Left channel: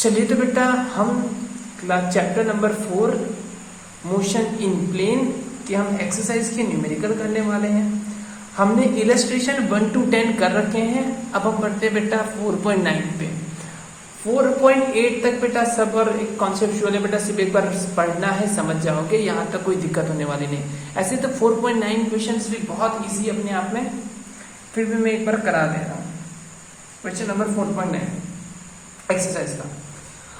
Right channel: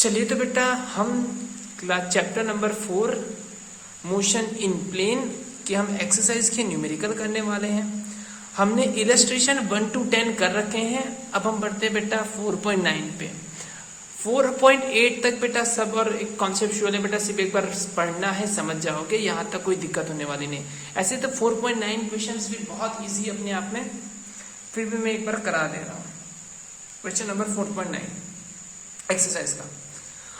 चलिए तो बेटा हम class chapter number 4 motion in plane की हम एक्सरसाइज की न्यूमेरिकल करने वाले हैं। हमने इलस्ट्रेशन 1 to 10 कर रखे हैं। अब हम बढ़ते हैं बेटा 4.9 पे। 4.8 तक बेटा सब और एक कॉन्सेप्चुअल है बेटा, सिर्फ एक बार पढ़ना है, समझ जाओगे, यहाँ तक कोई दिक्कत होने वाली नहीं। ऐसे तो 4.9 क्वेश्चन भी बहुत इजी अपने आप में, फिर भी मैं एक बार करा दे रहा हूँ। क्वेश्चन नंबर 4.9 एक्सरसाइज का।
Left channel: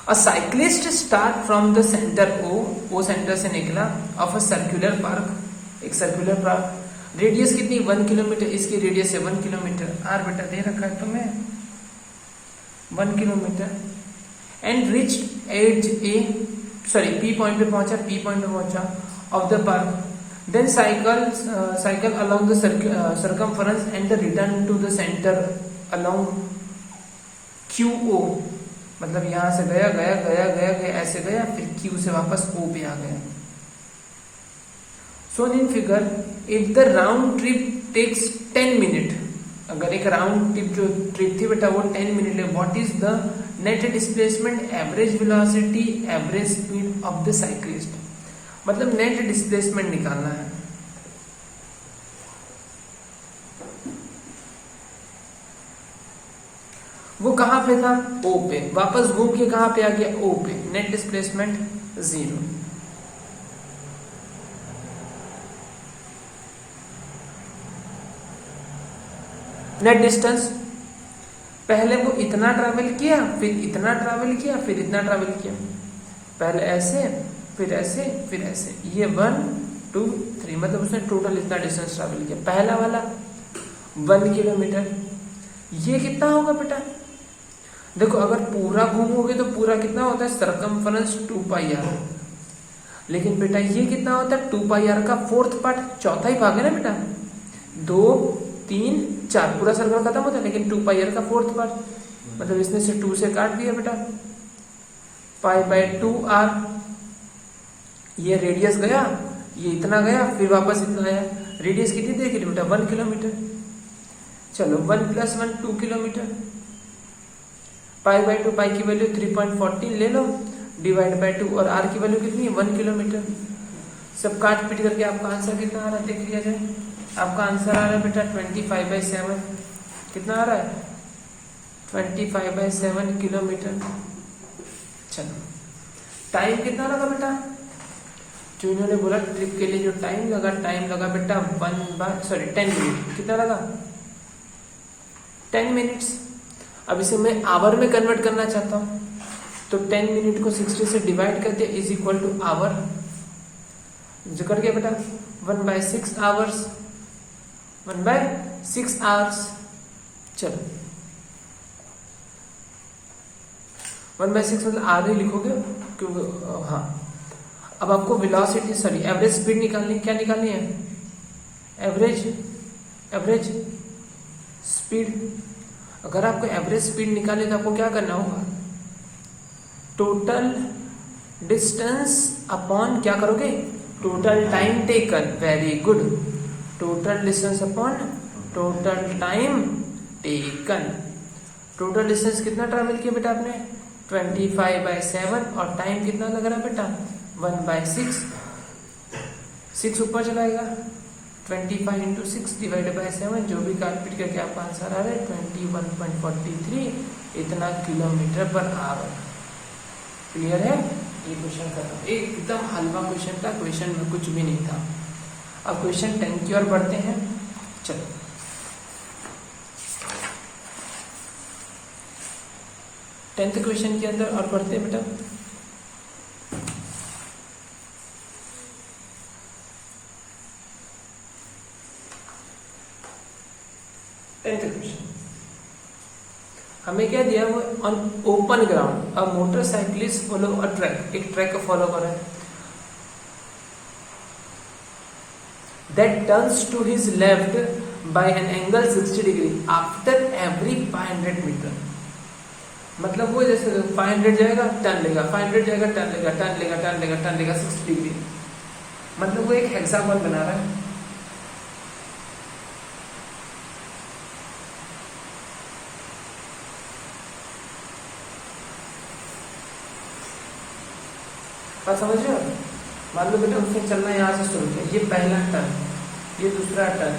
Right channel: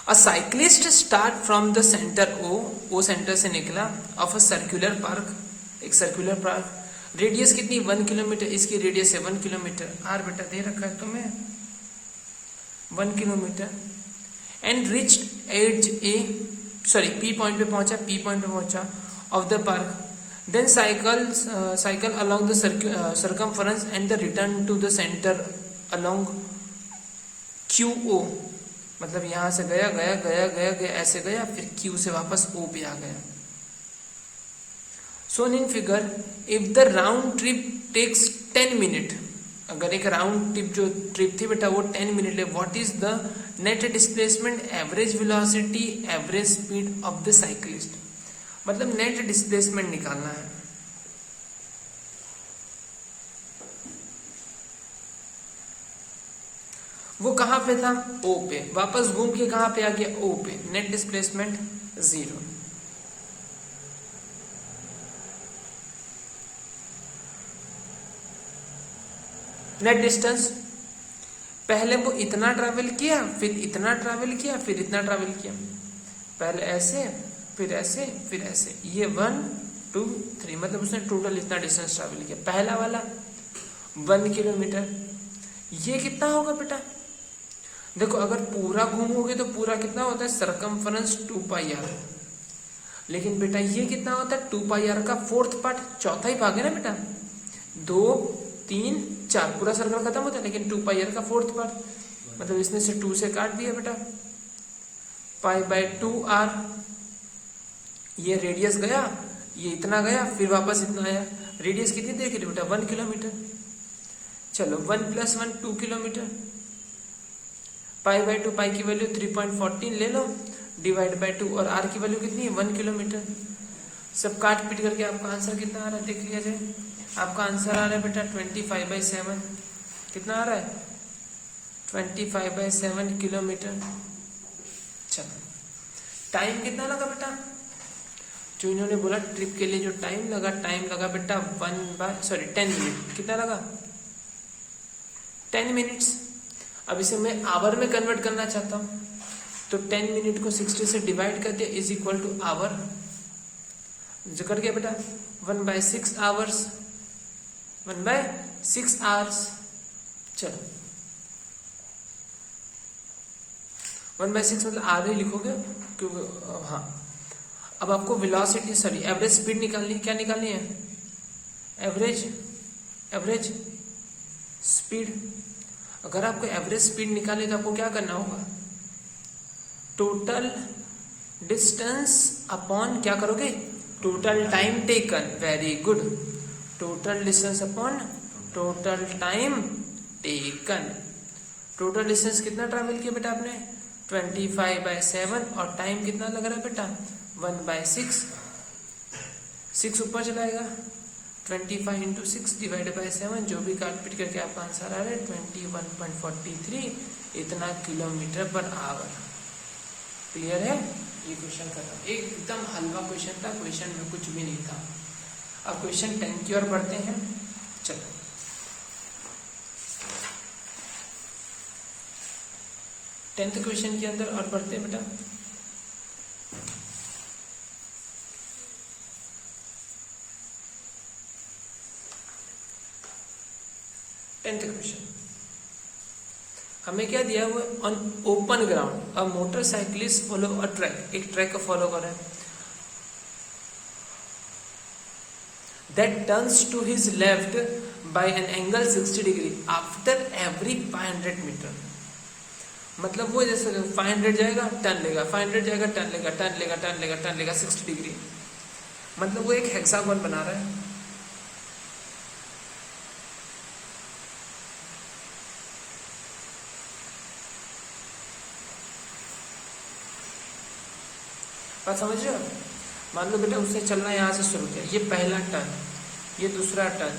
A cyclist start from the center O centre से निकला, ऑफ अ सर्कुलर पार्क, एक सर्कुलर पार्क, रेडियस कितनी 1 किलोमीटर, इसकी रेडियस है 1 किलोमीटर, आर बेटा दे रखा है तुम्हें 1 kilometre, and reach as a P point पे पहुंचा of the park, then cycle along the circumference and the return to the centre along QO, मतलब यहां से गया ऐसे गया, फिर Q से वापस O पे आ गया। Shown in figure, if the round trip takes 10 minute, अगर एक राउंड ट्रिप जो ट्रिप थी बेटा वो 10 मिनट है, what is the net displacement, average velocity, average speed of the cyclist, मतलब नेट डिस्प्लेसमेंट निकालना है। वो कहां पे था, O पे, वापस घूम के कहां पे आ गया, O पे, नेट डिस्प्लेसमेंट 0। नेट डिस्टेंस, पहले वो इतना ट्रैवल किया, फिर इतना ट्रैवल किया, फिर इतना ट्रैवल किया, पहले ऐसे, फिर ऐसे, फिर ऐसे, ये 1 2 3, मतलब उसने टोटल इतना डिस्टेंस ट्रैवल किया। पहला वाला 1 किलोमीटर, ये कितना होगा बेटा, देखो अगर पूरा घूमोगे तो पूरा कितना होता है, सर्कमफरेंस 2πr, लेकिन बेटा ये कितना होता है, 2πr का 4th पार्ट, चौथा ही भाग है ना बेटा, 2 3 4, पूरा सर्कल खत्म होता है, लेकिन 2πr का 4th पार्ट, मतलब इसने से 2 से काट दिया बेटा, π/2r, ये रेडियस गया, ये इतना गया, फिर वापस इतना आया, रेडियस कितनी देख रही बेटा 1 किलोमीटर, चलो 1 + 1 2 किलोमीटर, π/2, पाई की वैल्यू 3.14 ले लो, डिवाइड बाय 2, और r की वैल्यू कितनी है 1 किलोमीटर। सब काट पीट करके आपका आंसर कितना आ रहा है देख लिया जाए। आपका आंसर आ रहा है बेटा 25/7, कितना आ रहा है 25/7 किलोमीटर। चलो टाइम कितना लगा बेटा, जो इन्होंने बोला ट्रिप के लिए जो टाइम लगा बेटा 10 मिनट, कितना लगा 10 मिनट्स। अब इसे मैं आवर में कन्वर्ट करना चाहता हूं, तो 10 मिनट को 60 से डिवाइड करते इज इक्वल टू आवर, जो कर गया बेटा 1/6 आवर्स, 1/6 आवर्स। चलो 1/6 मतलब आगे लिखोगे क्योंकि हाँ, अब आपको वेलोसिटी एवरेज स्पीड निकालनी, क्या निकालनी है, एवरेज स्पीड। अगर आपको एवरेज स्पीड निकालनी तो आपको क्या करना होगा, टोटल डिस्टेंस अपॉन क्या करोगे, total time taken, very good, total distance upon total time taken. Total distance कितना ट्रैवल किया बेटा आपने 25/7, और टाइम कितना लग रहा है बेटा 1/6, 6 ऊपर चलाएगा, 25 × 6 डिवाइडेड बाय 7, जो भी कैलकुलेट करके आपका आंसर आ रहा है 21.43, इतना किलोमीटर पर आवर। क्लियर है, ये क्वेश्चन खत्म, एकदम हलवा क्वेश्चन था, क्वेश्चन में कुछ भी नहीं था। अब क्वेश्चन 10 की ओर बढ़ते हैं। चलो 10th क्वेश्चन के अंदर और पढ़ते हैं बेटा। क्वेश्चन हमें क्या दिया, वो on open ground a motorcyclist follow a track, एक ट्रैक को फॉलो कर रहा है, that turns to his left by an angle 60 degree after every 500 metre, मतलब वो जैसे 500 जाएगा टर्न लेगा, 500 जाएगा टर्न लेगा, टर्न लेगा 60 डिग्री, मतलब वो एक हेक्सागोन बना रहा है। बात समझ रहे हो? मान लो बेटा उससे चलना है यहाँ से शुरू किया, ये पहला टर्न, ये दूसरा टर्न,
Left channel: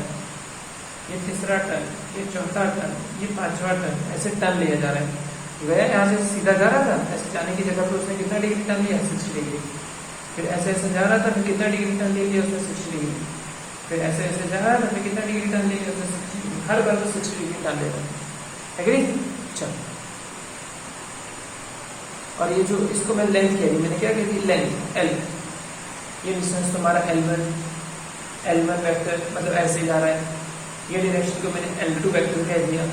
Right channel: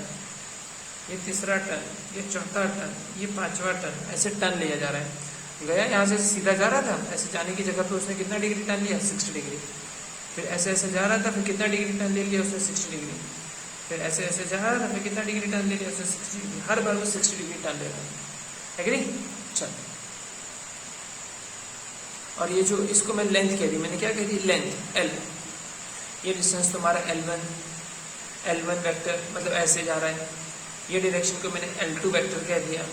ये तीसरा टर्न, ये चौथा टर्न, ये पांचवा टर्न, ऐसे टर्न लिया जा रहा है। गया यहाँ से सीधा जा रहा था, ऐसे जाने की जगह पे उसने कितना डिग्री टर्न लिया? 60 डिग्री। फिर ऐसे ऐसे जा रहा था, फिर कितना डिग्री टर्न ले लिया उसने? 60 डिग्री। फिर ऐसे ऐसे जा रहा था, फिर कितना डिग्री टर्न ले लिया उसने? 60 डिग्री। हर बार में 60 डिग्री टर्न ले रहा है। एग्री? चलो, और ये जो इसको मैं लेंथ कह दी, मैंने क्या कह दी? Length L. ये डिस्टेंस तुम्हारा L1 वेक्टर, मतलब ऐसे जा रहा है। ये डायरेक्शन को मैंने L2 वेक्टर कह दिया,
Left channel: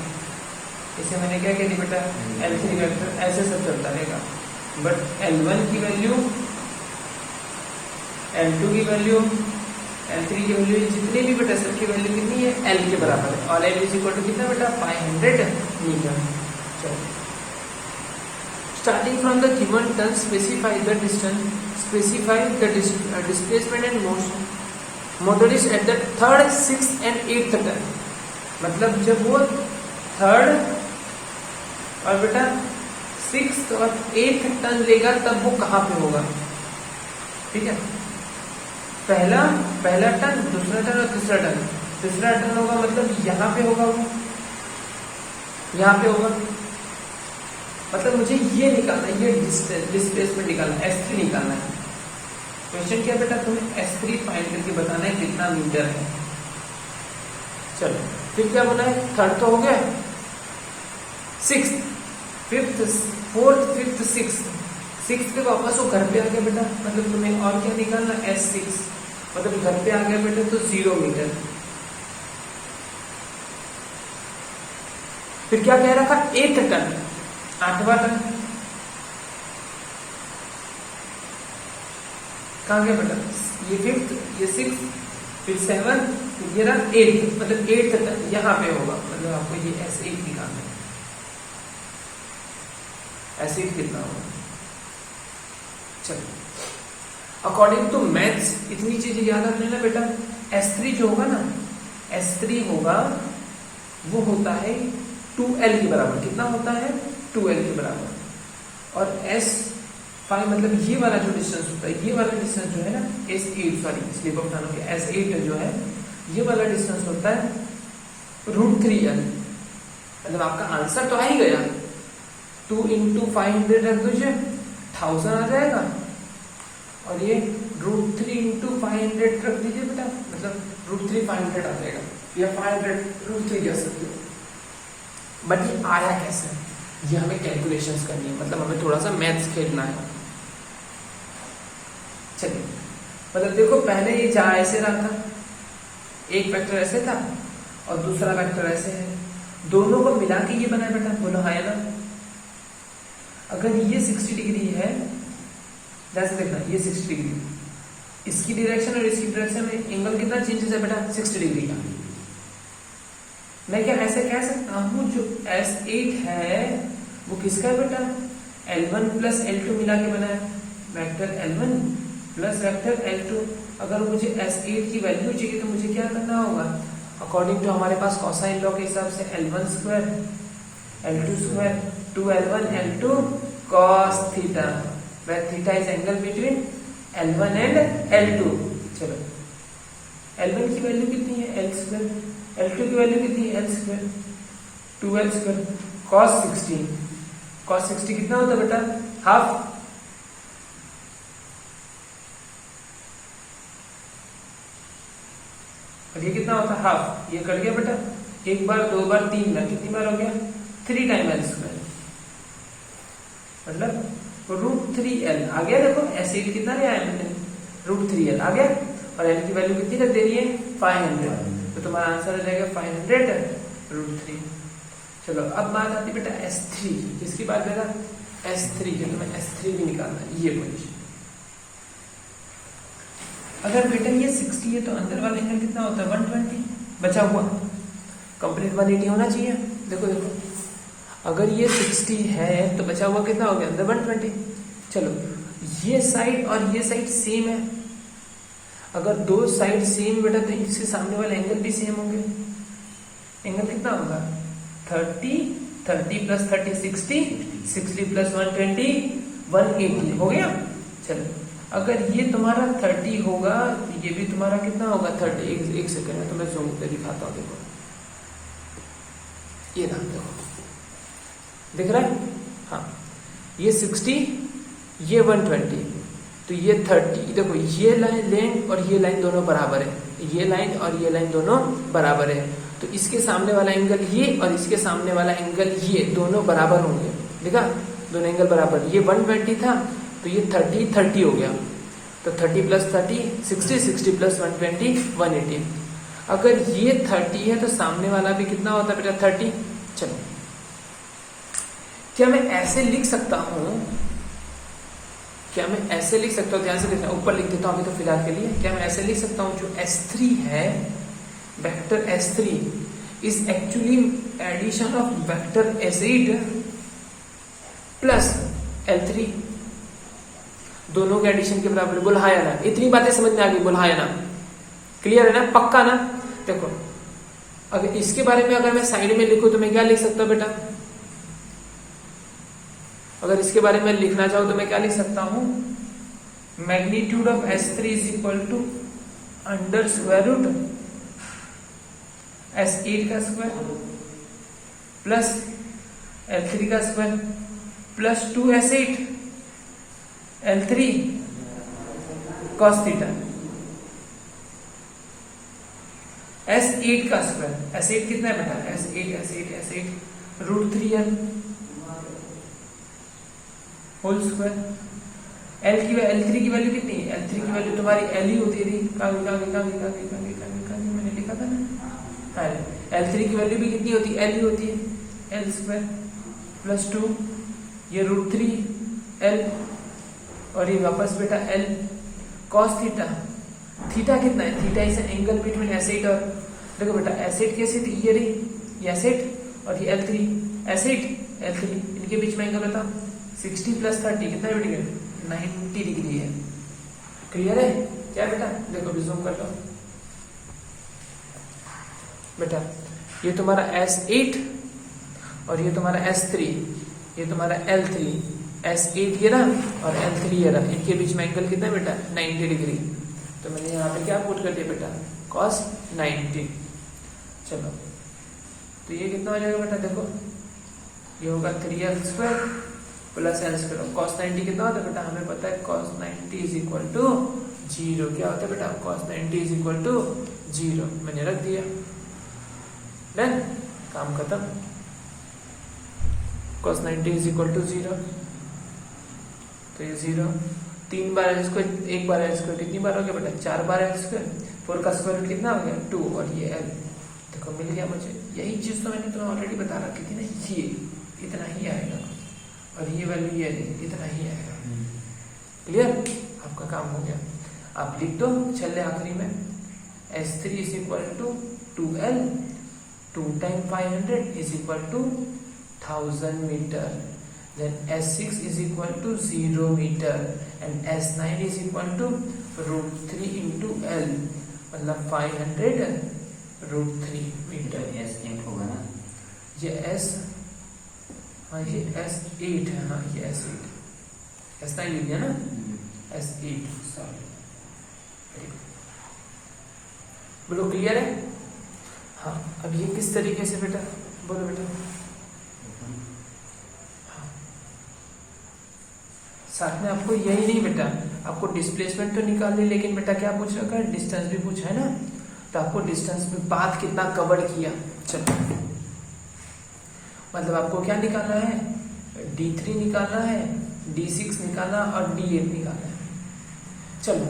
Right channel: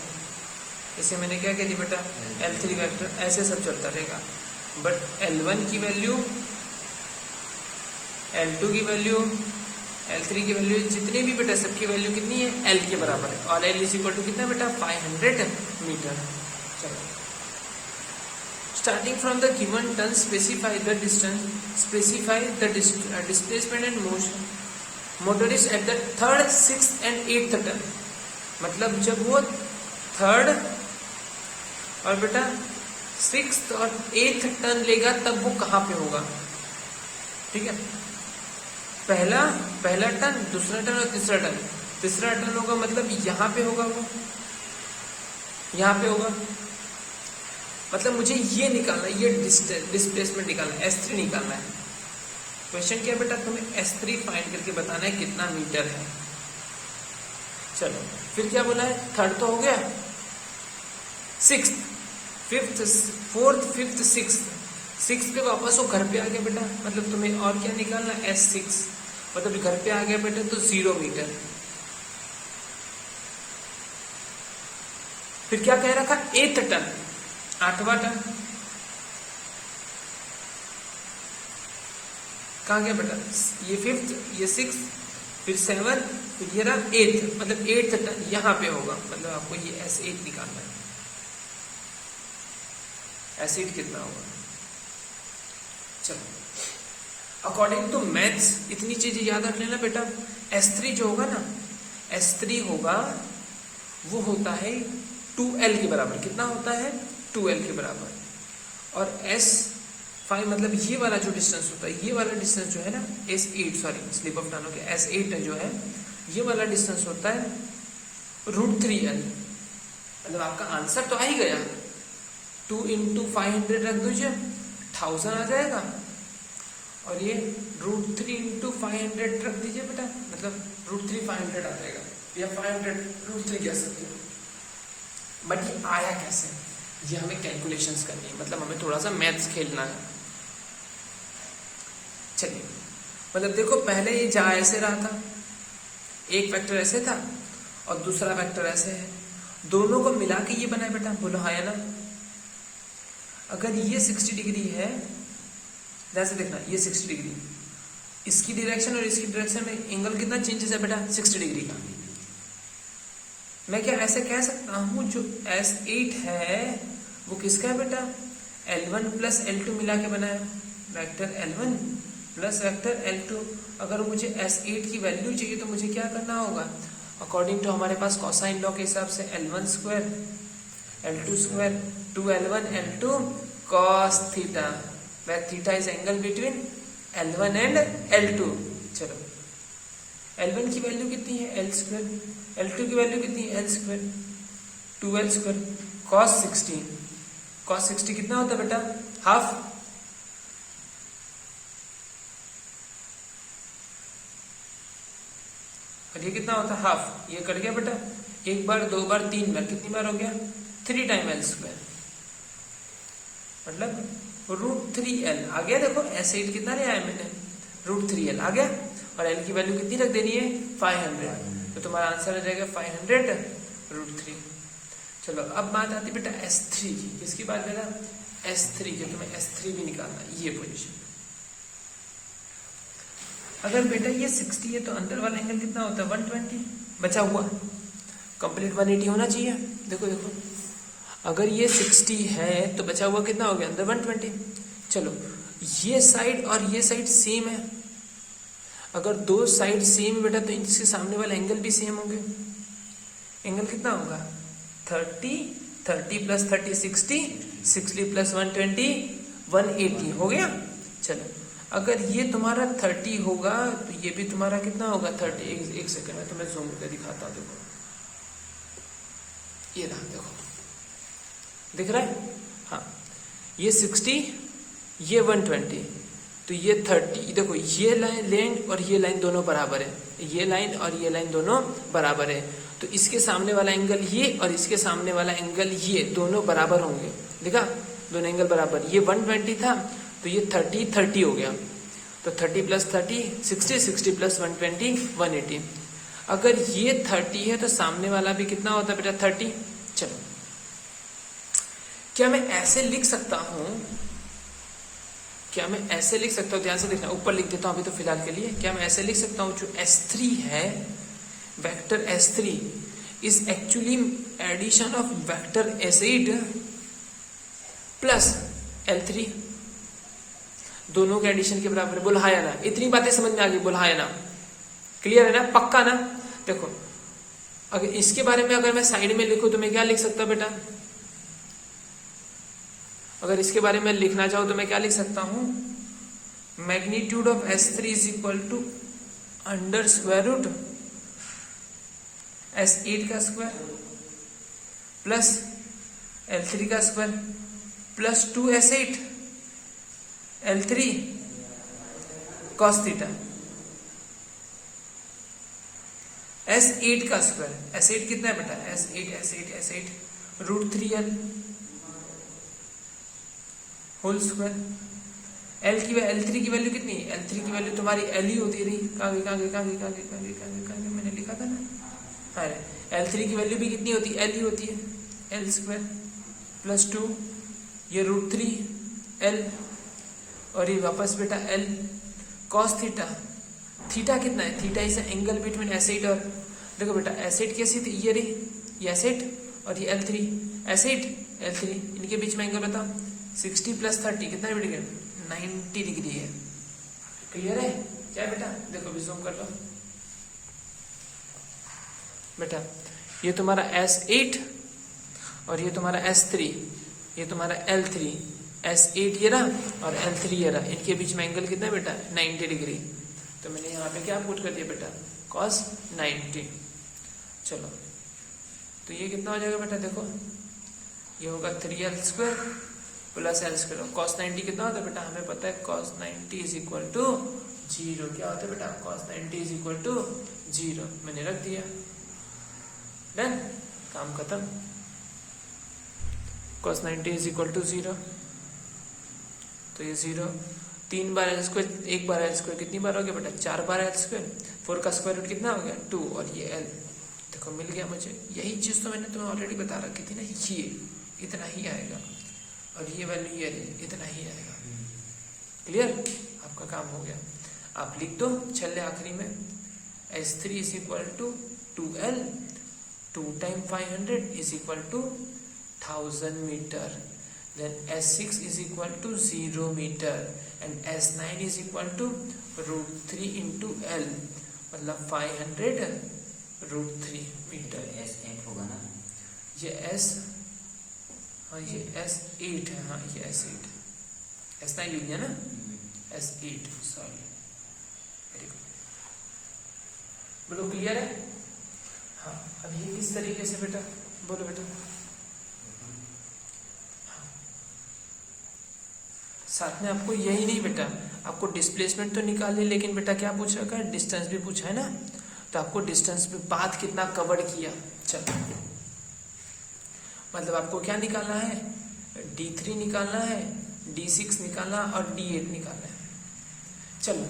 इसे मैंने क्या कह दिया बेटा? L3 vector. ऐसे सब चलता रहेगा। बट L1 की वैल्यू, L2 की वैल्यू, L3 की वैल्यू, जितने भी बेटा सबकी वैल्यू कितनी है? L के बराबर है। और L इज इक्वल टू कितना बेटा? 500 मीटर। चलो, starting from the given turn, specify the distance, specify the displacement and motion. Motor is at the third, sixth and eighth turn. मतलब जब वो थर्ड और बेटा सिक्स्थ और एथ टर्न लेगा तब वो कहाँ पे होगा? ठीक है, पहला टर्न, दूसरा टर्न और तीसरा टर्न। तीसरा टर्न होगा मतलब यहाँ पे होगा, वो यहाँ पे होगा। मतलब मुझे ये निकालना है, ये डिस्प्लेसमेंट निकालना है, S3 निकालना है। क्वेश्चन क्या बेटा? तुम्हें S3 फाइंड करके बताना है कितना मीटर है। चलो, फिर क्या बोला है? थर्ड तो हो गया, six, fifth, fourth, fifth, six पे वापस वो घर पे आ गया बेटा, मतलब तुम्हें और क्या निकालना? S6, मतलब घर पे आ गया बेटा तो 0 मीटर। फिर क्या कह रहा था? 8 टन, 8वां टर्न कहाँ गया बेटा? ये फिफ्थ, ये सिक्स, फिर 7, फिर ये रहा 8, मतलब 8th टर्न यहाँ पे होगा। मतलब आपको ये S8 निकालना है। S8 कितना होगा? चलो, अकॉर्डिंग टू मैथ्स इतनी चीजें याद रख लेना बेटा। S3 जो होगा ना, S3 होगा, वो होता है 2L के बराबर। कितना होता है? 2L के बराबर। और S5 मतलब ये वाला जो डिस्टेंस होता है, ये वाला डिस्टेंस जो है ना, S8, sorry slip of tongue, S8 जो है, ये वाला डिस्टेंस होता है √3L। मतलब आपका आंसर तो आ ही गया, 2 × 500 रख दीजिए, 1000 आ जाएगा। और ये √3 × 500 रख दीजिए बेटा, मतलब √3 500 आ जाएगा, या 500 √3 कह सकते हो। बट ये आया कैसे, ये हमें कैलकुलेशंस करनी है, मतलब हमें थोड़ा सा मैथ्स खेलना है। चलिए, मतलब देखो पहले ये जा ऐसे रहा था, एक वेक्टर ऐसे था और दूसरा वेक्टर ऐसे है, दोनों को मिला के ये बना बेटा, बोलो हाँ है ना। अगर ये 60 डिग्री है, जैसे देखना ये 60 डिग्री, इसकी डायरेक्शन और इसकी डायरेक्शन में एंगल कितना चेंजेस है बेटा? 60 डिग्री का। मैं क्या ऐसे कह सकता हूँ जो S8 है वो किसका है बेटा? L1 + L2 मिला के बना है, वेक्टर L1 + वेक्टर L2। अगर मुझे S8 की वैल्यू चाहिए तो मुझे क्या करना होगा? अकॉर्डिंग टू हमारे पास कोसाइन लॉ के हिसाब से L1² L2² 2L1 L2 cos theta, where theta is angle between L1 and L2। चलो, L1 की वैल्यू कितनी है? L², L2 की वैल्यू कितनी है? L², 2L² cos 60। cos 60 कितना होता है बेटा? हाफ। और ये कितना होता है? हाफ। ये कट गया बेटा, एक बार, दो बार, तीन बार, कितनी बार हो गया? 3 टाइम L², मतलब √3L आ गया। देखो S8 कितना लिया है मैंने? √3L आ गया, और L की वैल्यू कितनी रख देनी है? 500। तो तुम्हारा आंसर हो जाएगा 500 √3। चलो, अब बात आती बेटा S3 की। किसकी बात बेटा? S3 की। तुम्हें S3 भी निकालना है, ये पोजीशन। अगर बेटा ये 60 है तो अंदर वाला एंगल कितना होता है? 120 बचा हुआ, कंप्लीट 180 होना चाहिए। देखो देखो, अगर ये 60 है तो बचा हुआ कितना हो गया? अंदर 120। चलो, ये साइड और ये साइड सेम है। अगर दो साइड सेम बेटा तो इसके सामने वाले एंगल भी सेम होंगे। एंगल कितना होगा? 30 + 30 60 60 + 120 180 हो गया। चलो, अगर ये तुम्हारा 30 होगा तो ये भी तुम्हारा कितना होगा 30। एक सेकंड में तुम्हें जूम पे दिखाता हूँ। देखो ये ना, देखो दिख रहा है, हाँ ये 60, ये 120, तो ये 30। देखो ये लाइन और ये लाइन दोनों बराबर है, ये लाइन और ये लाइन दोनों बराबर है, तो इसके सामने वाला एंगल ये और इसके सामने वाला एंगल ये दोनों बराबर होंगे। देखा, दोनों एंगल बराबर। ये 120 था तो ये 30 हो गया, तो 30 प्लस 30 60, 60 प्लस 120 180। अगर ये 30 है तो सामने वाला भी कितना होता है बेटा 30। चलो, क्या मैं ऐसे लिख सकता हूं, क्या मैं ऐसे लिख सकता हूं, ध्यान से देखना, ऊपर लिख देता हूं अभी तो फिलहाल के लिए। क्या मैं ऐसे लिख सकता हूं, जो S3 है, vector S3 is actually addition of vector S8 plus L3, दोनों के एडिशन के बराबर। बोला है ना, इतनी बातें समझ में आ गई, बोला है ना, क्लियर है ना, पक्का ना। देखो अगर इसके बारे में अगर मैं साइड में लिखूं तो मैं क्या लिख सकता हूं बेटा, अगर इसके बारे में लिखना चाहूं तो मैं क्या लिख सकता हूं, magnitude of S3 is equal to under square root S8 का स्क्वायर प्लस L3 का square plus 2S8 L3 cos theta. S8 का स्क्वायर, S8 कितना है बेटा, S8 root 3L whole square. L3 की वैल्यू कितनी है, L3 की वैल्यू तुम्हारी L ही होती रही, मैंने लिखा था ना। L3 की वैल्यू भी कितनी होती है, L ही होती है, L स्क्वायर प्लस 2, ये रूट 3L और ये वापस बेटा L cos थीटा। थीटा कितना है, theta is angle between S8 और, देखो बेटा S8 कैसी थी, ये रही, ये S8 और ये L3, S8 L3, इनके बीच में एंगल बताओ, 60 प्लस 30 कितना है, 90 डिग्री है। क्लियर है क्या बेटा, देखो भी जूम कर लो बेटा, ये तुम्हारा S8 और ये तुम्हारा S3, ये तुम्हारा L3, S8 ये रहा और L3 ये रहा, इनके बीच में एंगल कितना है बेटा 90 डिग्री। तो मैंने यहाँ पे क्या पुट कर दिया बेटा, cos 90। चलो तो ये कितना हो जाएगा बेटा, देखो ये होगा 3L square plus L square. cos 90 कितना होता है बेटा, हमें पता है cos 90 इज इक्वल टू 0। क्या होता है बेटा, cos 90 इज इक्वल टू 0। मैंने रख दिया, डन, काम खत्म। cos 90 इज इक्वल टू 0, तो ये 0, 3 बार L स्क्वायर, 1 बार L स्क्वायर कितनी बार हो गया बेटा, 4 बार L स्क्वायर, 4 का स्क्वायर रूट कितना हो गया 2 और ये L, देखो मिल गया मुझे। यही चीज तो मैंने तुम्हें ऑलरेडी बता रखी थी ना, ये इतना ही आएगा और ये वैल्यू ये इतना ही आएगा। क्लियर, आपका काम हो गया। आप लिख दो चले आखिरी में, S3 is equal to 2L, 2 time 500 is equal to 1000 metre, then S6 is equal to 0 meter and S9 is equal to root 3 into L, मतलब 500 root 3 मीटर। S8 होगा ना, ये S, हाँ ये S8 है, हाँ ये S8, S9 लिख दिया ना, S8, सॉरी, बोलो क्लियर है। हाँ अब ये किस तरीके से बेटा, बोलो बेटा। साथ में आपको यही नहीं बेटा, आपको डिस्प्लेसमेंट तो निकालनी, लेकिन बेटा क्या पूछ रखा है, डिस्टेंस भी पूछा है ना, तो आपको डिस्टेंस में पाथ कितना कवर किया। चलो मतलब आपको क्या निकालना है, D3 निकालना है, D6 निकालना और D8 निकालना है। चलो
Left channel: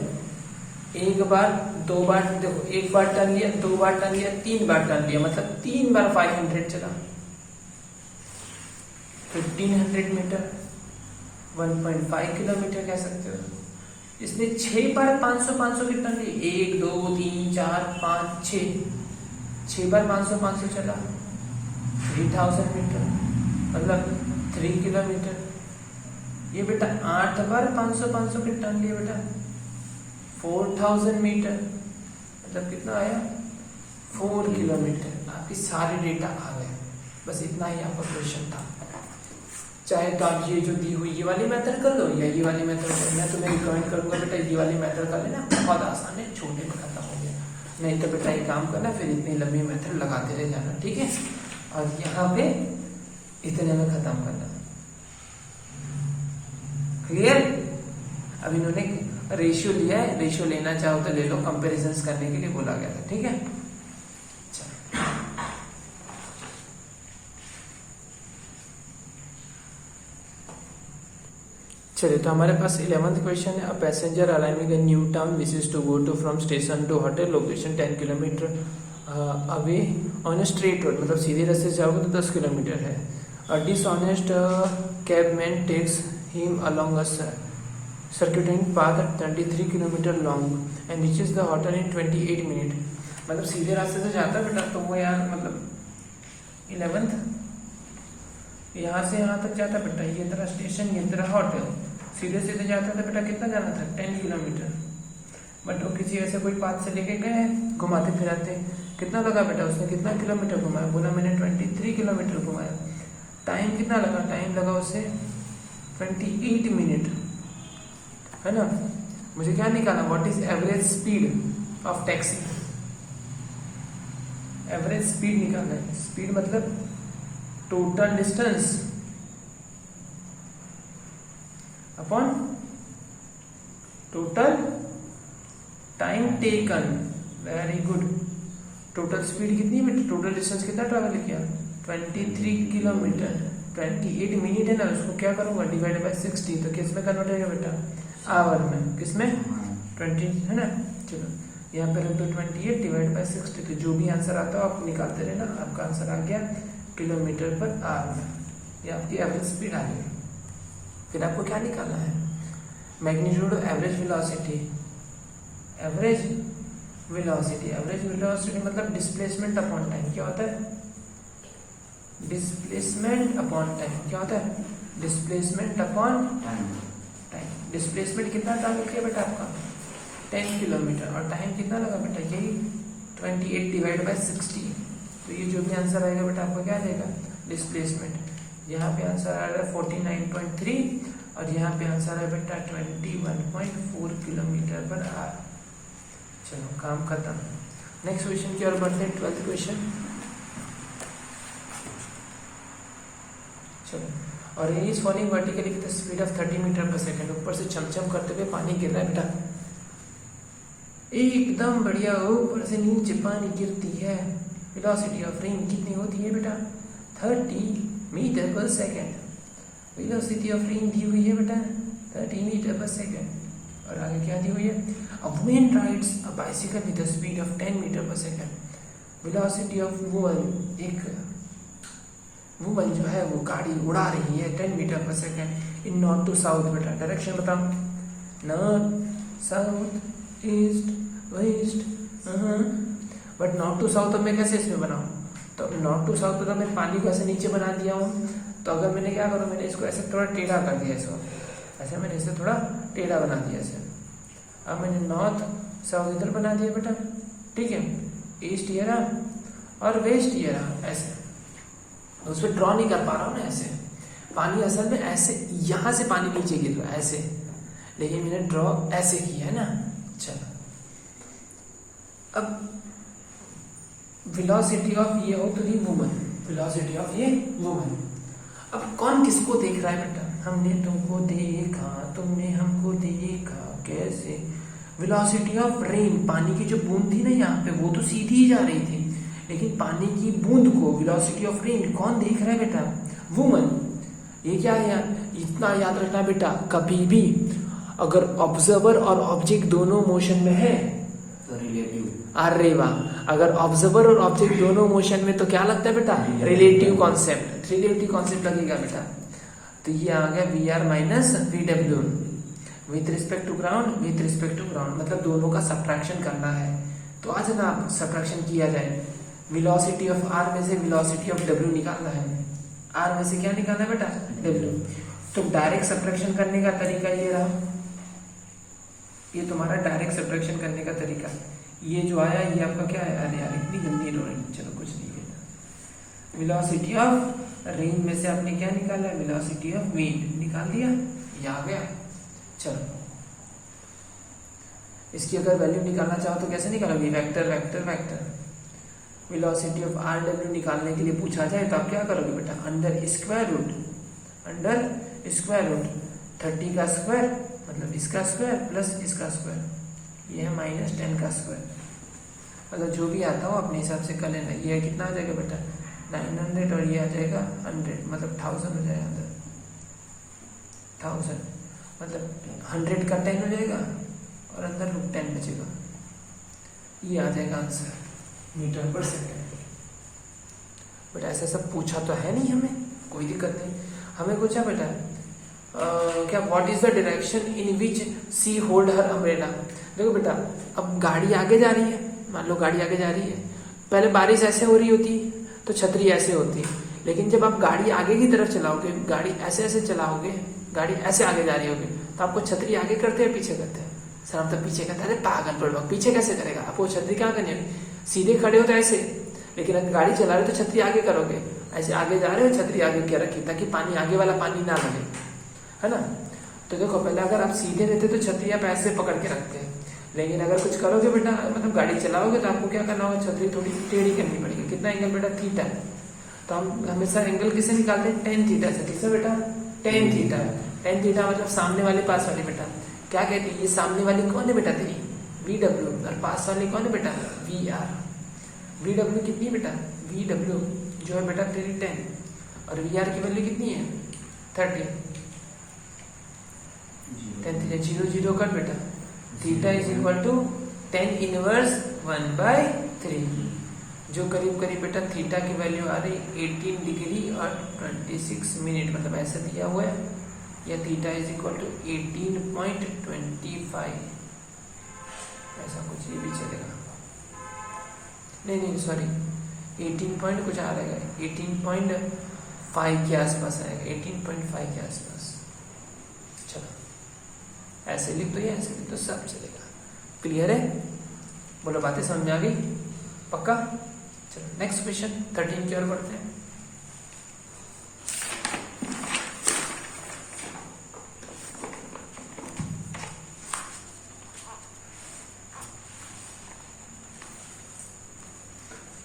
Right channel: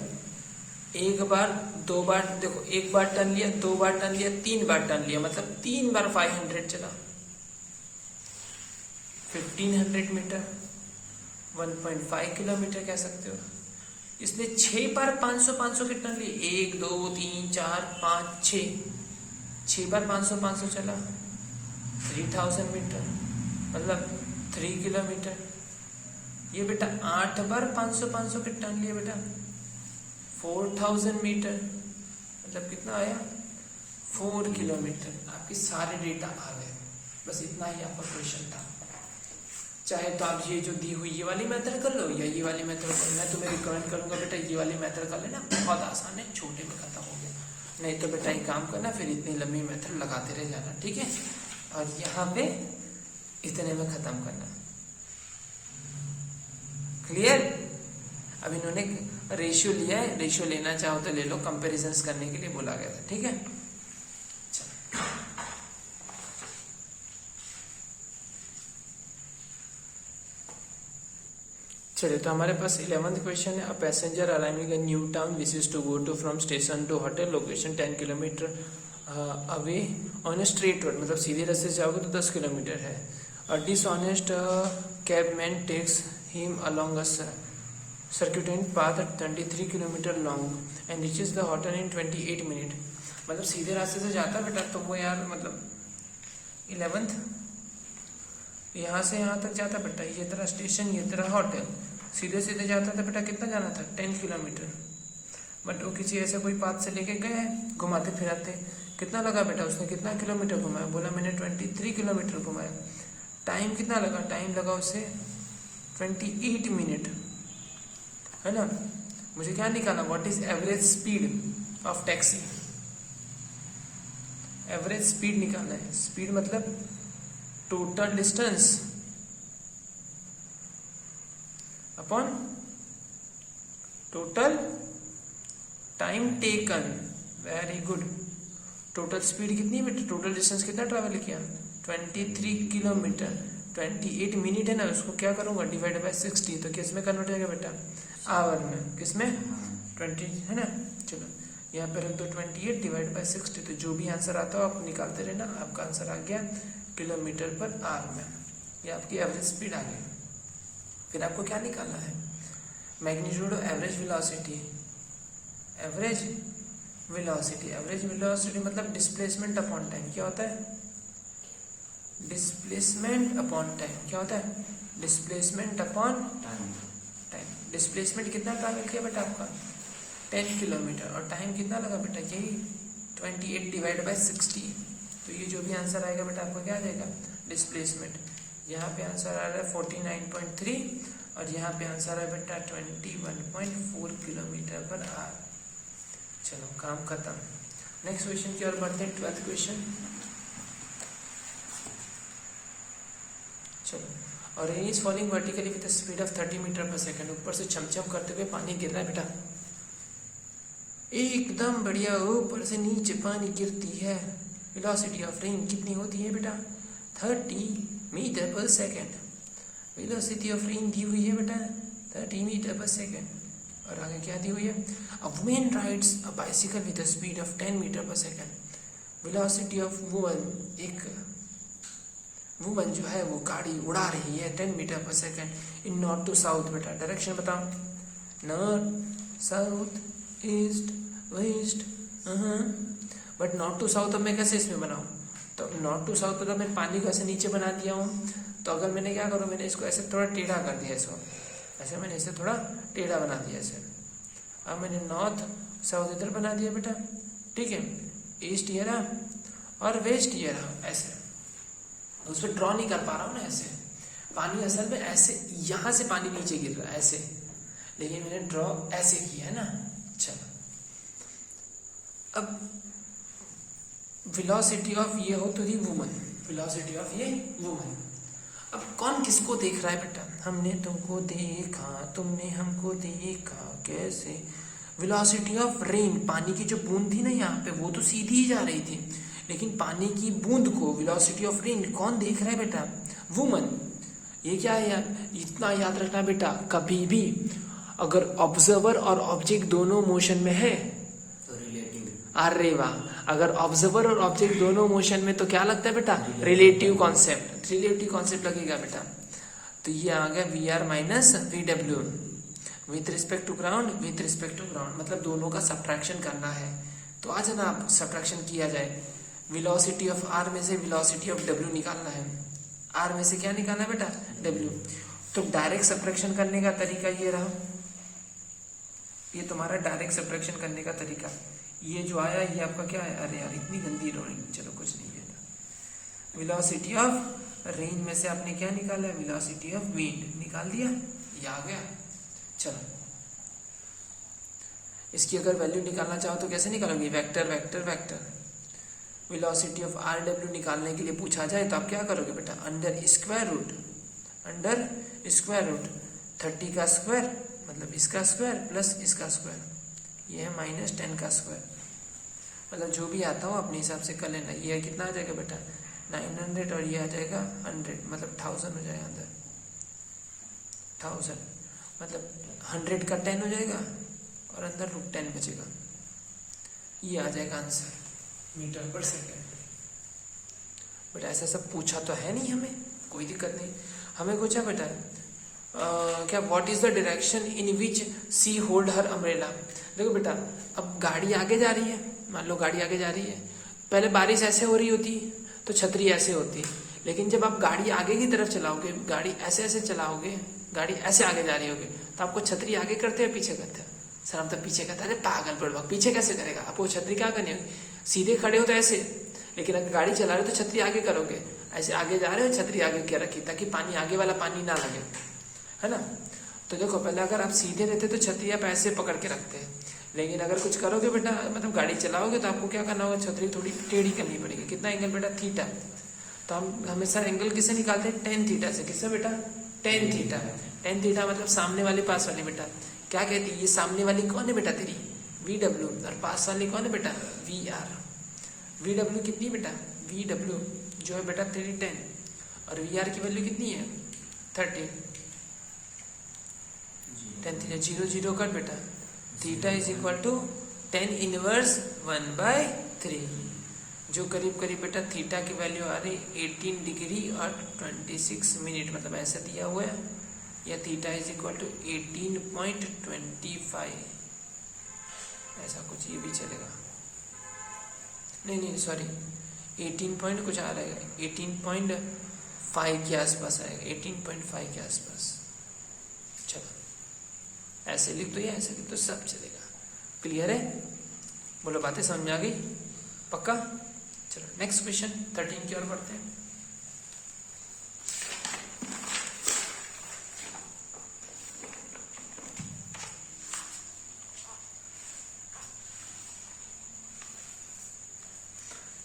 एक बार, 2 बार, देखो 1 बार टर्न लिया, 2 बार टर्न लिया, 3 बार टर्न लिया, मतलब 3 बार 500 चला, 1500 मीटर, 1.5 किलोमीटर कह सकते हो। इसने 6 बार 500 की टर्न ली, 1 2 3 4 5 6 बार 500 चला, 3000 मीटर, मतलब 3 किलोमीटर। ये बेटा 8 बार 500 की टर्न लिया बेटा, 4000 मीटर, मतलब कितना आया 4 किलोमीटर। आपके सारे डेटा आ गए, बस इतना ही आपका क्वेश्चन था। चाहे तो आप ये जो दी हुई ये वाली मेथड कर लो या ये वाली मेथड कर लो। मैं तुम्हें रिकमेंड करूंगा बेटा ये वाली मेथड कर लेना, बहुत आसान है, छोटे में खत्म हो गया। नहीं तो बेटा ये काम करना, फिर इतनी लंबी मेथड लगाते रह जाना, ठीक है। और यहाँ पे इतने में खत्म करना, क्लियर। अब इन्होंने रेशियो लिया है, रेशियो लेना चाहो तो ले लो, कंपेरिजन करने के लिए बोला गया था, ठीक है। चलिए, तो हमारे पास 11th क्वेश्चन है। A passenger arriving in new town wishes to go to from station to hotel location 10 kilometre away on straight road, मतलब सीधे रास्ते से जाओगे तो 10 किलोमीटर है। A dishonest cabman takes him along a circuiting path 23 kilometre long and reaches the hotel in 28 minute. मतलब सीधे रास्ते से जाता बेटा तो वो यार मतलब 11th यहाँ से यहाँ तक जाता बेटा, ये तेरा स्टेशन ये तेरा होटल, सीधे सीधे जाता था बेटा, कितना जाना था 10 किलोमीटर। बट वो किसी ऐसे कोई पाथ से लेके गए हैं घुमाते फिराते, कितना लगा बेटा उसने, कितना किलोमीटर घुमाया, बोला मैंने 23 किलोमीटर घुमाया। टाइम कितना लगा, टाइम लगा उसे 28 मिनट, है ना। मुझे क्या निकालना, what is average speed of taxi, average speed निकालना है। स्पीड मतलब total distance upon total time taken, very good. Total speed कितनी मीटर, टोटल डिस्टेंस कितना ट्रैवल किया 23 किलोमीटर, 28 मिनट है ना, उसको क्या करूंगा डिवाइड बाय 60, तो किस में कन्वर्ट होगा बेटा, आवर में, किसमें 20 है ना। चलो यहाँ पे रख दो 28 डिवाइड बाय 60, तो जो भी आंसर आता है आप निकालते रहना, आपका आंसर आ गया किलोमीटर पर आवर में, ये आपकी एवरेज स्पीड आ गई। फिर आपको क्या निकालना है, magnitude average velocity, average velocity, average velocity मतलब डिस्प्लेसमेंट अपॉन टाइम, क्या होता है डिस्प्लेसमेंट अपॉन टाइम, क्या होता है डिस्प्लेसमेंट अपॉन टाइम। डिस्प्लेसमेंट कितना ट्रैवल किया बेटा आपका 10 किलोमीटर, और टाइम कितना लगा बेटा यही 28 डिवाइड बाय 60, तो ये जो भी आंसर आएगा बेटा आपको क्या देगा डिस्प्लेसमेंट। यहाँ पे आंसर आ रहा है 49.3 और यहाँ पे आंसर है बेटा 21.4 किलोमीटर पर आवर। चलो काम खत्म। नेक्स्ट क्वेश्चन की ओर बढ़ते हैं, 12th क्वेश्चन। चलो, और is falling vertically with speed of 30 metre per second, ऊपर से चमचम करते हुए पानी गिर रहा है बेटा, एकदम बढ़िया, ऊपर से नीचे पानी गिरती है। वेलोसिटी ऑफ रेन कितनी होती है बेटा 30 metre per second, velocity of rain दी हुई है बेटा 30 मीटर पर सेकेंड। और आगे क्या दी हुई है, a woman rides a bicycle with the speed of 10 metre per second, velocity of woman, एक वुमन जो है वो गाड़ी उड़ा रही है 10 metre per second in north to south. बेटा डायरेक्शन बताओ, north south east west, but north to south मैं कैसे इसमें बनाऊं, तो नॉर्थ टू साउथ तो मैं पानी को ऐसे नीचे बना दिया हूँ, तो अगर मैंने क्या करूँ, मैंने इसको ऐसे थोड़ा टेढ़ा कर दिया, इसको ऐसे मैंने इसे थोड़ा टेढ़ा बना दिया इसे। अब मैंने नॉर्थ साउथ इधर बना दिया बेटा, ठीक है, ईस्ट ये रहा और वेस्ट ये रहा, ऐसे उस पर ड्रॉ नहीं कर पा रहा हूँ ना ऐसे, पानी असल में ऐसे यहाँ से पानी नीचे गिर रहा है ऐसे, लेकिन मैंने ड्रॉ ऐसे किया है ना। चलो, अब वेलोसिटी ऑफ ये हो तो दी वुमन, वेलोसिटी ऑफ ये वुमन। अब कौन किसको देख रहा है बेटा, हमने तुमको देखा तुमने हमको देखा, कैसे, वेलोसिटी ऑफ रेन, पानी की जो बूंद थी ना यहाँ पे वो तो सीधी ही जा रही थी, लेकिन पानी की बूंद को वेलोसिटी ऑफ रेन कौन देख रहा है बेटा, वुमन। ये क्या है, इतना याद रखना बेटा, कभी भी अगर ऑब्जर्वर और ऑब्जेक्ट दोनों मोशन में है तो रिलेटिव, अरे वाह, अगर ऑब्जर्वर और ऑब्जेक्ट दोनों मोशन में तो क्या लगता है बेटा, रिलेटिव कॉन्सेप्ट, रिलेटिव कॉन्सेप्ट लगेगा बेटा। तो ये आ गया V R minus V W with respect to ground, with respect to ground, मतलब दोनों का सब्ट्रैक्शन करना है। तो आज ना सब्ट्रैक्शन किया जाए, वेलोसिटी ऑफ आर में से वेलोसिटी ऑफ डब्ल्यू निकालना है, आर में से क्या निकालना है बेटा डब्ल्यू। तो डायरेक्ट सब्ट्रैक्शन करने का तरीका ये रहा, ये तुम्हारा डायरेक्ट सब्ट्रैक्शन करने का तरीका। ये जो आया ये आपका क्या है, अरे यार इतनी गंदी ड्राइंग, चलो कुछ नहीं है। वेलोसिटी ऑफ रेंज में से आपने क्या निकाला है, वेलोसिटी ऑफ विंड निकाल दिया, ये आ गया। चलो इसकी अगर वैल्यू निकालना चाहो तो कैसे निकालोगे, vector vector vector. Velocity of R W निकालने के लिए पूछा जाए तो आप क्या करोगे बेटा, अंडर स्क्वायर रूट 30 का स्क्वायर मतलब इसका स्क्वायर प्लस इसका स्क्वायर, ये है -10 का स्क्वायर। मतलब जो भी आता हो अपने हिसाब से कर लेना। ये कितना आ जाएगा बेटा 900 और ये आ जाएगा 100 मतलब 1000 हो जाएगा, अंदर 1000 मतलब 100 का 10 हो जाएगा और अंदर रूट 10 बचेगा। ये आ जाएगा answer metre per second. But ऐसा सब पूछा तो है नहीं हमें, कोई दिक्कत नहीं। हमें पूछा बेटा क्या what is the direction in which she hold her umbrella. देखो बेटा अब गाड़ी आगे जा रही है, मान लो गाड़ी आगे जा रही है, पहले बारिश ऐसे हो रही होती तो छतरी ऐसे होती, लेकिन जब आप गाड़ी आगे की तरफ चलाओगे, गाड़ी ऐसे ऐसे चलाओगे, गाड़ी ऐसे आगे जा रही होगी तो आपको छतरी आगे करते हैं पीछे करते हैं, सर हम तो पीछे करते हैं। अरे पागल बुड़बक, पीछे कैसे करेगा, आपको छतरी क्या करनी है, सीधे खड़े हो तो ऐसे, लेकिन अगर गाड़ी चला रहे हो तो छतरी आगे करोगे, ऐसे आगे जा रहे हो छतरी आगे क्या रखी ताकि पानी आगे वाला पानी ना लगे, है ना। तो देखो पहले अगर आप सीधे रहते तो छतरी आप ऐसे पकड़ के रखते हैं, लेकिन अगर कुछ करोगे बेटा मतलब गाड़ी चलाओगे तो आपको क्या करना होगा, छतरी थोड़ी टेढ़ी करनी पड़ेगी। कितना एंगल बेटा, थीटा। तो हम हमेशा एंगल किसे निकालते हैं, tan थीटा से। किससे बेटा, tan थीटा। tan थीटा मतलब सामने वाले पास वाले बेटा क्या कहती है, ये सामने वाली कौन है बेटा तेरी, VW, और पास वाली कौन है बेटा, VR। VW कितनी बेटा, VW जो है बेटा तेरी 10 और VR की वैल्यू कितनी है 30। 10 0 0 कर बेटा, theta is equal to tan inverse 1/3, जो करीब करीब बेटा थीटा की वैल्यू आ रही 18 डिग्री और 26 मिनट, मतलब ऐसे दिया हुआ है, या थीटा इज इक्वल टू 18.25, ऐसा कुछ ये भी चलेगा, नहीं सॉरी 18 पॉइंट कुछ आ रहा है, 18.5 के आसपास आएगा, 18.5 के आसपास। चलो ऐसे लिख दो या ऐसे लिख दो, सब चलेगा। क्लियर है, बोलो बातें समझ आ गई, पक्का। चलो नेक्स्ट क्वेश्चन 13 की ओर बढ़ते हैं।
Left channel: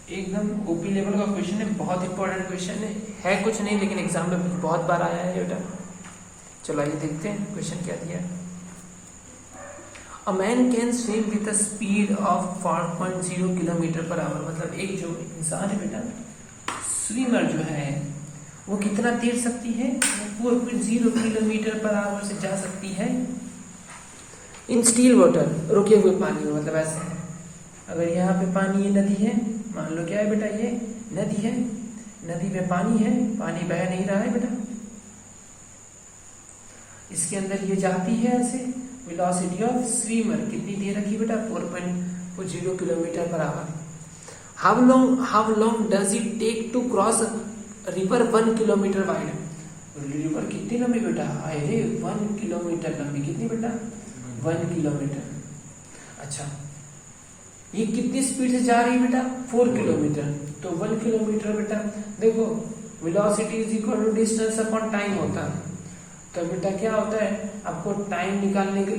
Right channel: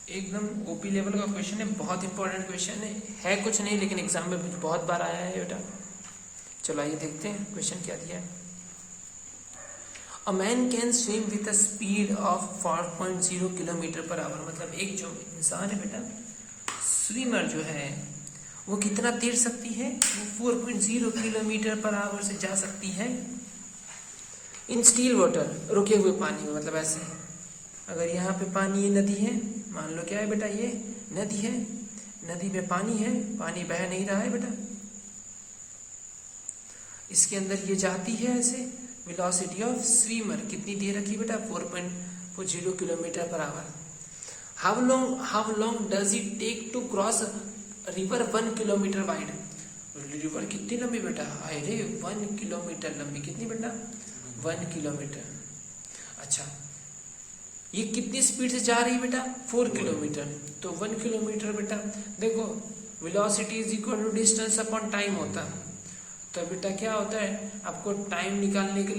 एकदम ओपी लेवल का क्वेश्चन है, बहुत इंपॉर्टेंट क्वेश्चन है कुछ नहीं लेकिन एग्जाम में बहुत बार आया है बेटा। चलो आइए देखते हैं क्वेश्चन क्या दिया। A man can swim with a speed of 4.0 kilometre per our, मतलब एक जो इंसान है बेटा, स्विमर जो है वो कितना तैर सकती है, 4.0 किलोमीटर पर आवर से जा सकती है इन स्टिल वाटर, रुके हुए पानी में। मतलब ऐसे है, अगर यहाँ पे पानी, ये नदी है, मान लो क्या है बेटा, ये नदी है, नदी में पानी है, पानी बह नहीं रहा है बेटा, इसके अंदर ये जाती है ऐसे, वेलोसिटी ऑफ स्विमर कितनी दे रखी बेटा, 4.0 kilometre per hour. How long does it take to cross river 1 kilometre wide, river कितनी लंबी बेटा, अरे 1 किलोमीटर लंबी, कितनी बेटा 1 किलोमीटर। अच्छा ये कितनी स्पीड से जा रही है बेटा, 4 किलोमीटर, तो 1 किलोमीटर बेटा देखो velocity is equal to distance upon time होता है, तो बेटा क्या होता है, आपको टाइम निकालने के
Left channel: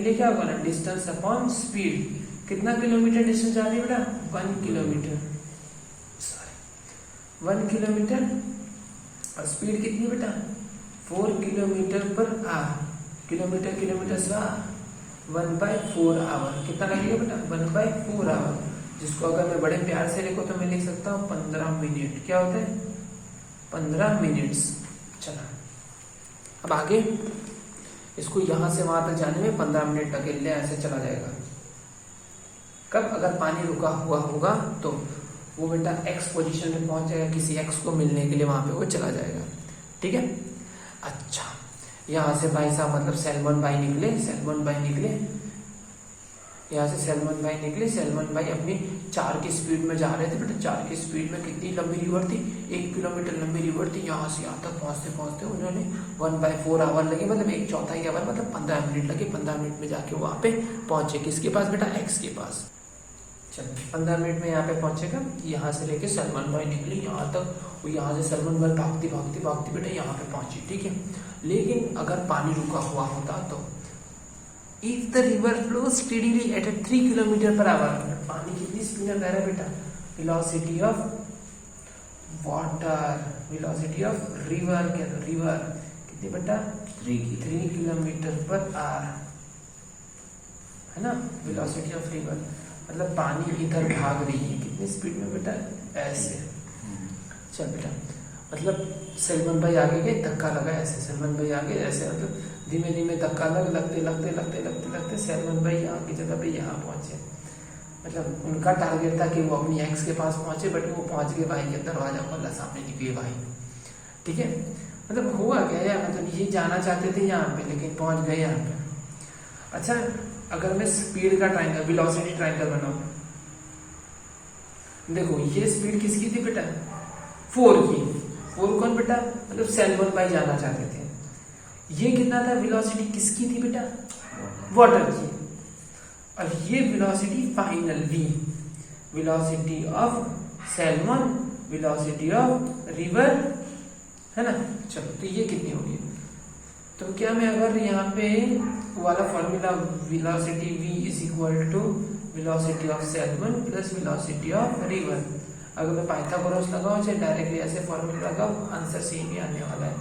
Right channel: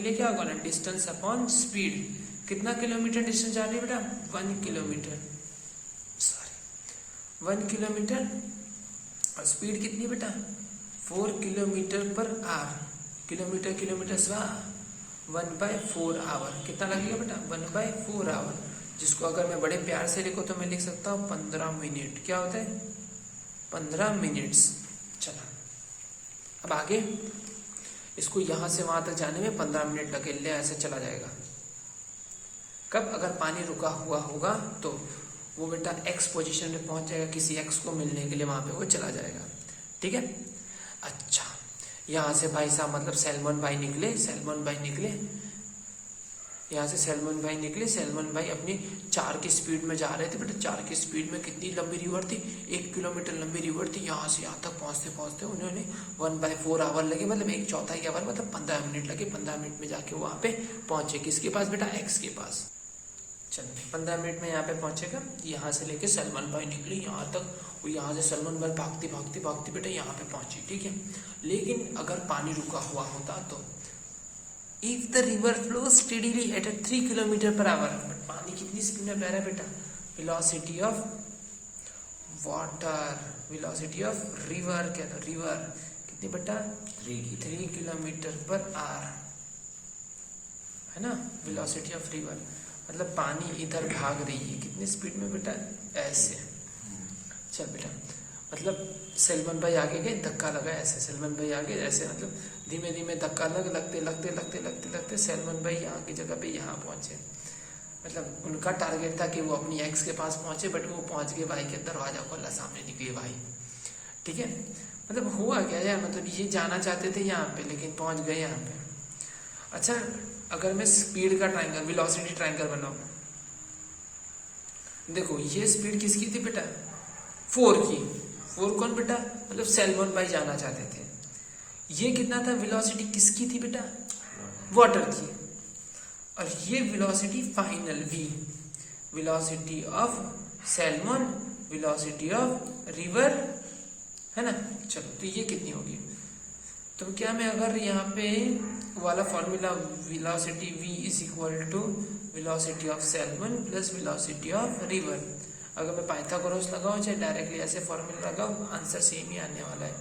लिए क्या होगा ना, डिस्टेंस अपॉन स्पीड। कितना किलोमीटर डिस्टेंस जा रही है बेटा, 1 किलोमीटर, 1 किलोमीटर, और स्पीड कितनी बेटा 4 किलोमीटर पर आवर, किलोमीटर से 1/4 आवर, कितना लगेगा बेटा 1/4 आवर, जिसको अगर मैं बड़े प्यार से लिखूं तो मैं लिख सकता हूँ 15 मिनट। क्या होता है 15 मिनट्स। चला अब आगे, इसको यहां से वहां तक जाने में 15 मिनट लगेंगे, ऐसे चला जाएगा। कब, अगर पानी रुका हुआ होगा तो वो बेटा एक्स पोजीशन में पहुंच जाएगा, किसी एक्स को मिलने के लिए वहां पे वो चला जाएगा, ठीक है। अच्छा यहाँ से भाई साहब मतलब सैलमन भाई निकले, यहाँ से सैलमन भाई अपनी 4 की स्पीड में जा रहे थे बेटा, 4 की स्पीड में कितनी लंबी रिवर थी, 1 किलोमीटर लंबी रिवर थी, यहाँ से यहाँ तक पहुँचते उन्होंने 1/4 आवर लगे, मतलब 1/4 आवर, मतलब 15 मिनट लगे। 15 मिनट में जाके वहाँ पे पहुंचे, किसके पास बेटा, एक्स के पास। चलो 15 मिनट में यहाँ पे पहुंचेगा, यहाँ से लेके सैलमन भाई निकली यहाँ तक वो यहाँ से सलमान भाई भागते भागते भागते बेटा यहाँ पे पहुंची, ठीक है। लेकिन अगर पानी रुका हुआ होता तो if the river flow steadily at 3 kilometre per hour, पानी कितनी स्पीड में बह रहा है बेटा, velocity of water, velocity of river, क्या तो रिवर कितनी बेटा 3 किलोमीटर पर आवर, है ना, वेलोसिटी ऑफ रिवर, मतलब पानी इधर भाग रही है कितनी स्पीड में बेटा, ऐसे। चल बेटा, मतलब सलमान भाई आगे गए, धक्का लगा ऐसे, सलमान भाई आगे ऐसे, मतलब धीमे धीमे धक्का लगते लगते लगते लगते लगते सलमान भाई यहाँ की जगह पे यहाँ पहुंचे। मतलब उनका टारगेट था कि वो अपनी एक्स के पास पहुंचे, बट वो पहुंच गए, भाई के दरवाजा खोला, सामने निकले भाई, ठीक है। मतलब हुआ क्या यार, मतलब ये जाना चाहते थे यहाँ पे लेकिन पहुंच गए यहाँ पे। अच्छा, अगर मैं स्पीड का ट्रायंगल, वेलोसिटी ट्रायंगल बनाऊं, देखो ये स्पीड किसकी थी बेटा, 4 की। 4 कौन बेटा, मतलब सलमान भाई जाना चाहते थे। ये कितना था, वेलोसिटी किसकी थी बेटा, वाटर की। और ये velocity final v, velocity of salmon, velocity of river, है ना। चलो, तो ये कितनी होगी, तो क्या मैं अगर यहाँ पे वाला formula velocity v is equal to velocity of salmon plus velocity of river, अगर मैं पाइथागोरस लगाऊं चाहे डायरेक्टली ऐसे फॉर्मूला लगाऊं, आंसर सेम ही आने वाला है,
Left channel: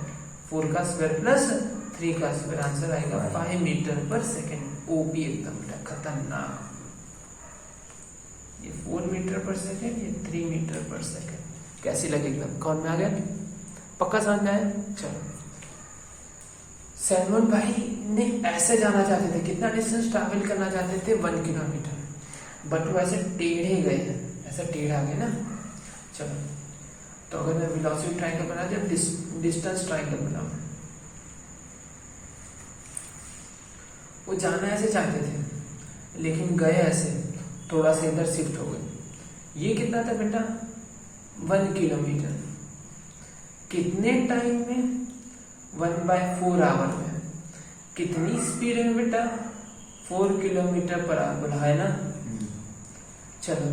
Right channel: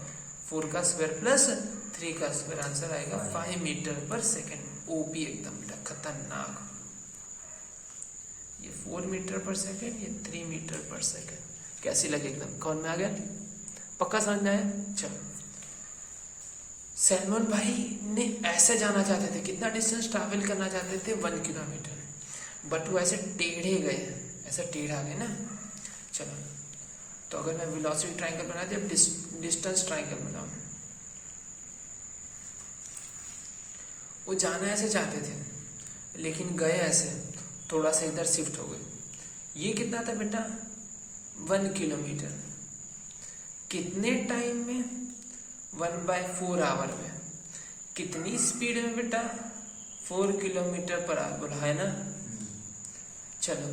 4 का स्क्वायर प्लस 3 का स्क्वायर, आंसर आएगा 5 मीटर पर सेकेंड। ओपी एकदम खतरनाक, ये 4 मीटर पर सेकेंड, ये 3 मीटर पर सेकेंड। कैसी लगेगा, कौन में आ गया, पक्का समझ में आया। चलो, सलमान भाई ने ऐसे जाना चाहते थे, कितना डिस्टेंस ट्रैवल करना चाहते थे, 1 किलोमीटर, बट वो ऐसे टेढ़े गए, ऐसे टेढ़ा गए ना। चलो, तो अगर मैं वेलोसिटी ट्रायंगल बना दिया, डिस्टेंस ट्रायंगल बनाऊं, वो जाना ऐसे चाहते थे लेकिन गए ऐसे, थोड़ा सा इधर शिफ्ट हो गए। ये कितना था बेटा, 1 किलोमीटर, कितने टाइम में, 1/4 आवर में। कितनी स्पीड है बेटा, 4 किलोमीटर पर आवर, बोला है ना। चलो,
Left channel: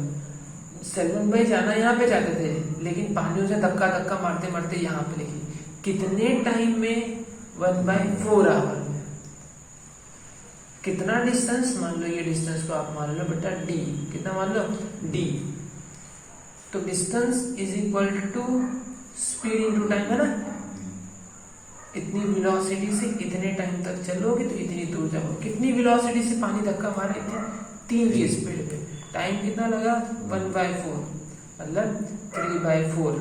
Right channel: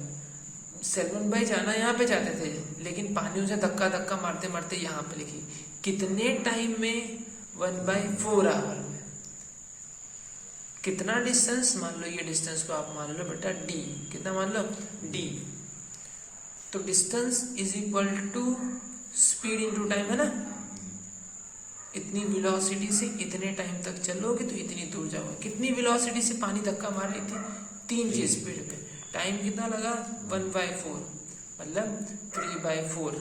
सलमान भाई जाना यहाँ पे चाहते थे लेकिन पानियों से धक्का धक्का मारते मारते यहाँ पे लिखी, कितने टाइम में, 1/4 आवर में। कितना डिस्टेंस, मान लो ये डिस्टेंस को आप मान लो बेटा d, कितना मान लो d, तो distance is equal to speed into time, है ना। इतनी वेलोसिटी से इतने टाइम तक चलोगे तो इतनी दूर जाओगे। कितनी वेलोसिटी से पानी धक्का मार रहे थे, 3 की स्पीड पे, टाइम कितना लगा, 1/4, मतलब 3/4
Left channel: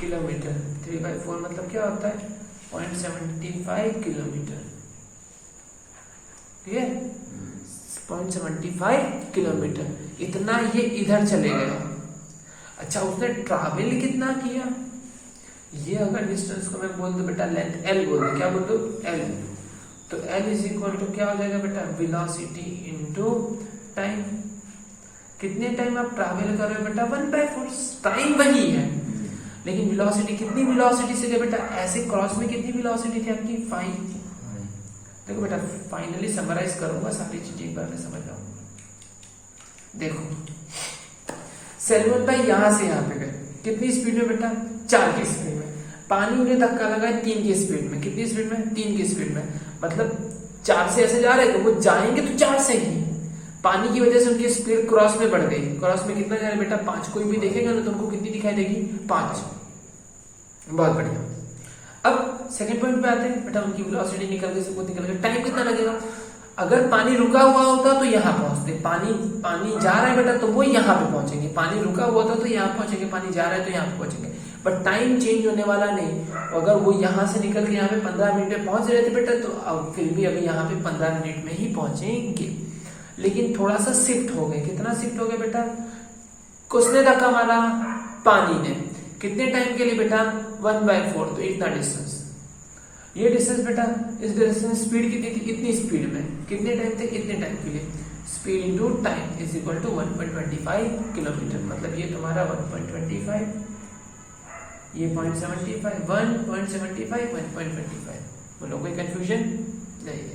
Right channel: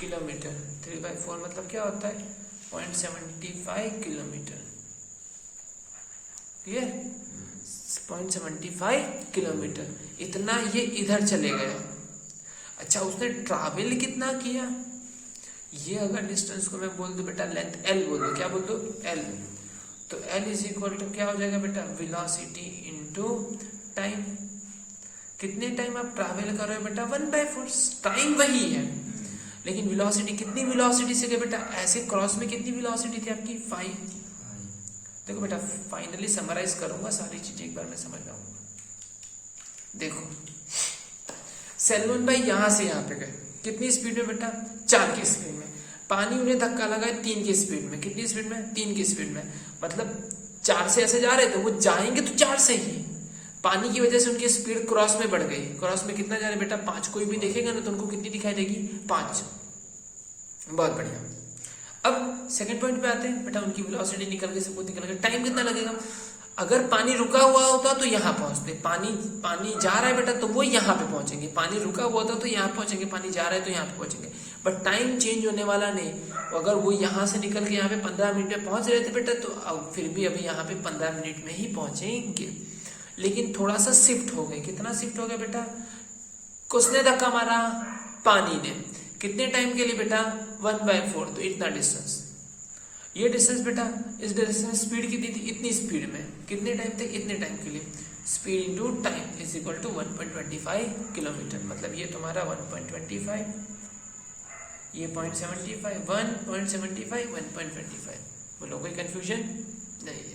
किलोमीटर। 3/4 मतलब क्या होता है, 0.75 किलोमीटर, ठीक है, 0.75 किलोमीटर, इतना ये इधर चले गया। अच्छा, उसने ट्रैवल कितना किया, ये अगर डिस्टेंस को मैं बोल दूं बेटा लेंथ l बोल दूं, क्या बोल दूं, l, तो l इज इक्वल टू क्या हो जाएगा बेटा, वेलोसिटी इनटू टाइम। कितने टाइम आप ट्रैवल कर रहे हो बेटा, 1/4, टाइम वही है लेकिन वेलोसिटी कितनी वेलोसिटी से गए बेटा, ऐसे क्रॉस में कितनी वेलोसिटी थी आपकी, 5 थी। देखो बेटा, फाइनली समराइज करूंगा सारी चीजें एक बार में समझ रहा हूं। देखो, सलमान भाई यहां से यहां पे गए, कितनी स्पीड में बेटा, 4 की स्पीड में। पानी उन्हें धक्का लगा 3 की स्पीड में, कितनी स्पीड में, 3 की स्पीड में, मतलब 4 से ऐसे जा रहे थे, वो जाएंगे तो 4 से ही, पानी की वजह से उनकी स्पीड क्रॉस में बढ़ गई। क्रॉस में कितना जा रहा है बेटा, 5। कोई भी देखेगा ना तो उनको कितनी दिखाई देगी, 5। बहुत बढ़िया। अब सेकंड पॉइंट पे आते हैं बेटा, उनकी वेलोसिटी निकल गई, सब कुछ निकल गया, टाइम कितना लगेगा। अगर पानी रुका हुआ होता तो यहाँ पहुंचते, पानी जा रहा है बेटा तो वो यहाँ पे पहुंचेंगे, पानी रुका हुआ था तो यहाँ पहुंचेंगे, पानी जा रहा है तो यहाँ पे पहुंचेंगे, बट टाइम चेंज होने वाला नहीं। अगर वो यहाँ से निकल के यहाँ पे 15 मिनट में पहुंच रहे थे बेटा, तो अब फिर भी अभी यहाँ पे 15 मिनट में ही पहुंचेंगे, लेकिन थोड़ा सा शिफ्ट हो गए। कितना शिफ्ट हो गया बेटा, किसने धक्का मारा, पानी ने, कितने टाइम के लिए बेटा, 1/4, तो इतना डिस्टेंस। ये डिस्टेंस बेटा, इस डिस्टेंस स्पीड कितनी थी, इतनी स्पीड में, कितने टाइम तक, इतने टाइम के लिए, speed into time is equal to 1.25 kilometre. मतलब ये तुम्हारा 1.25, ये 0.75, 1.75, 1.25। बोलो कोई कंफ्यूजन नहीं।